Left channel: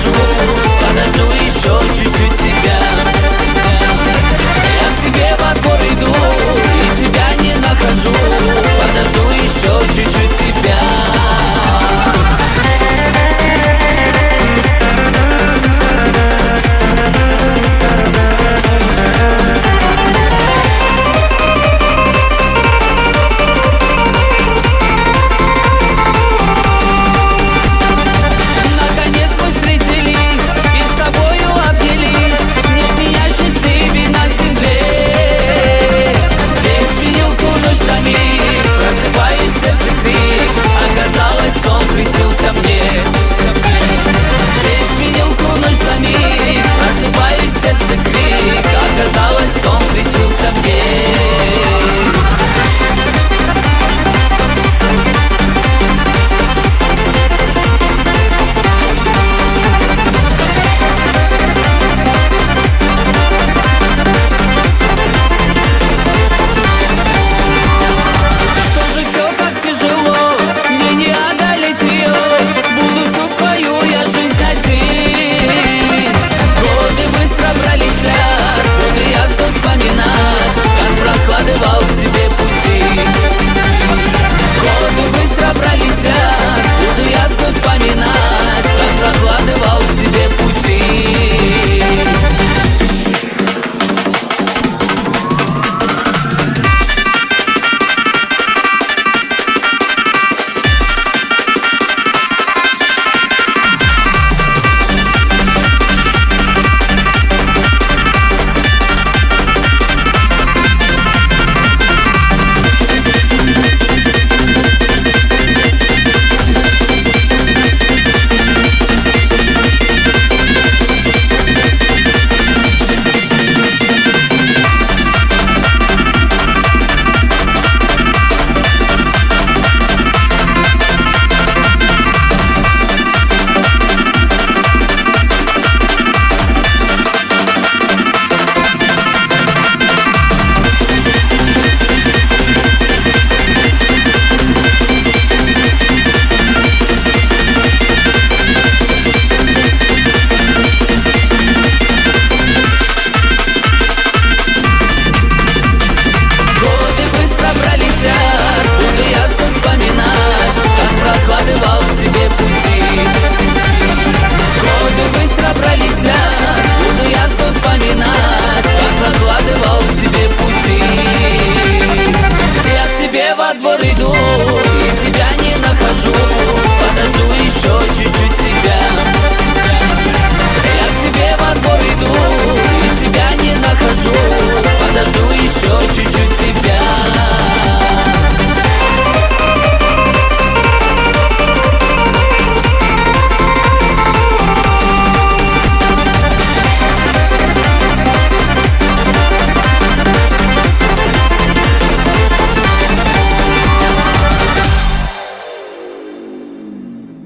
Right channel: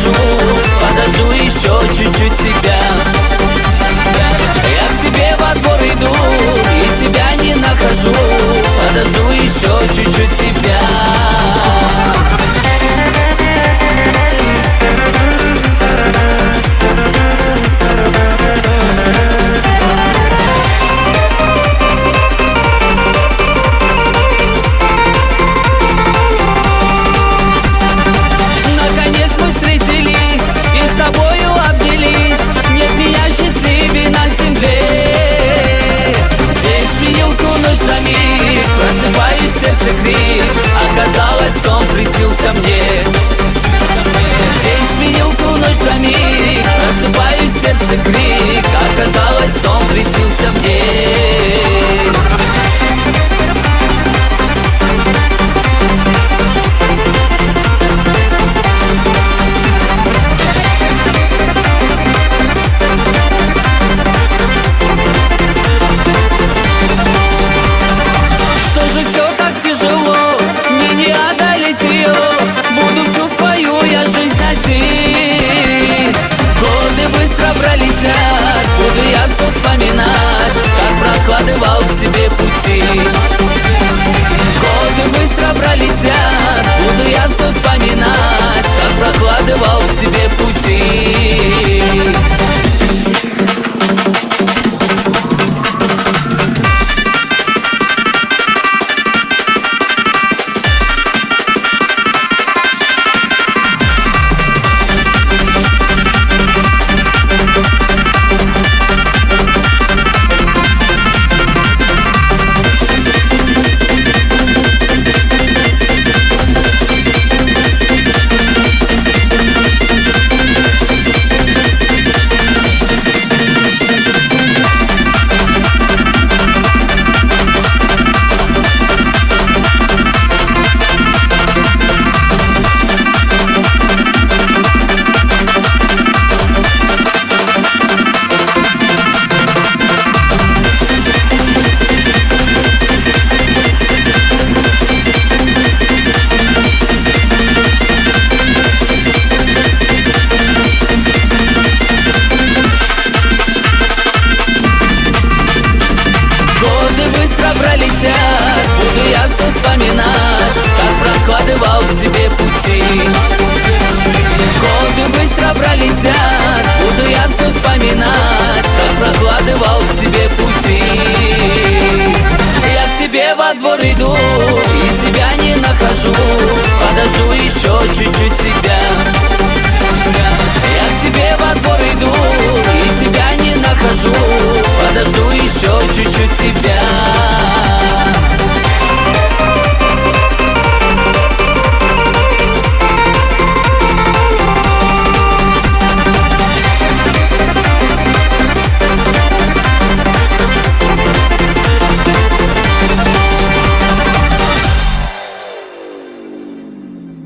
нахожу, подожду еще чуть-чуть тебя. Я к тебе во двор иду и тебя не нахожу, подожду еще чуть-чуть тебя. Наконец мы встретились и с тобою обнялись. Нет меня счастливей на земле. День сменил ту ночь за миг, просыпаюсь, сердце крик. Оказалось, сон приснился мне. День сменил ту ночь за миг, просыпаюсь, сердце крик. Оказалось, сон приснился мне. Все так тяжело, мне не одолеть ее. Буду всю свою я жизнь один. Годы быстро пролетят, буду я все вспоминать, как прокладывал к тебе пути. Годы быстро пролетят, буду я все вспоминать, как прокладывал к тебе пути. Пролетят, буду я все вспоминать, как прокладывал к тебе пути. Годы быстро пролетят, буду я все вспоминать, как прокладывал к тебе пути. Я к тебе во двор иду и тебя не нахожу, подожду еще чуть-чуть тебя. Я к тебе во двор иду и тебя не нахожу, подожду еще чуть-чуть тебя.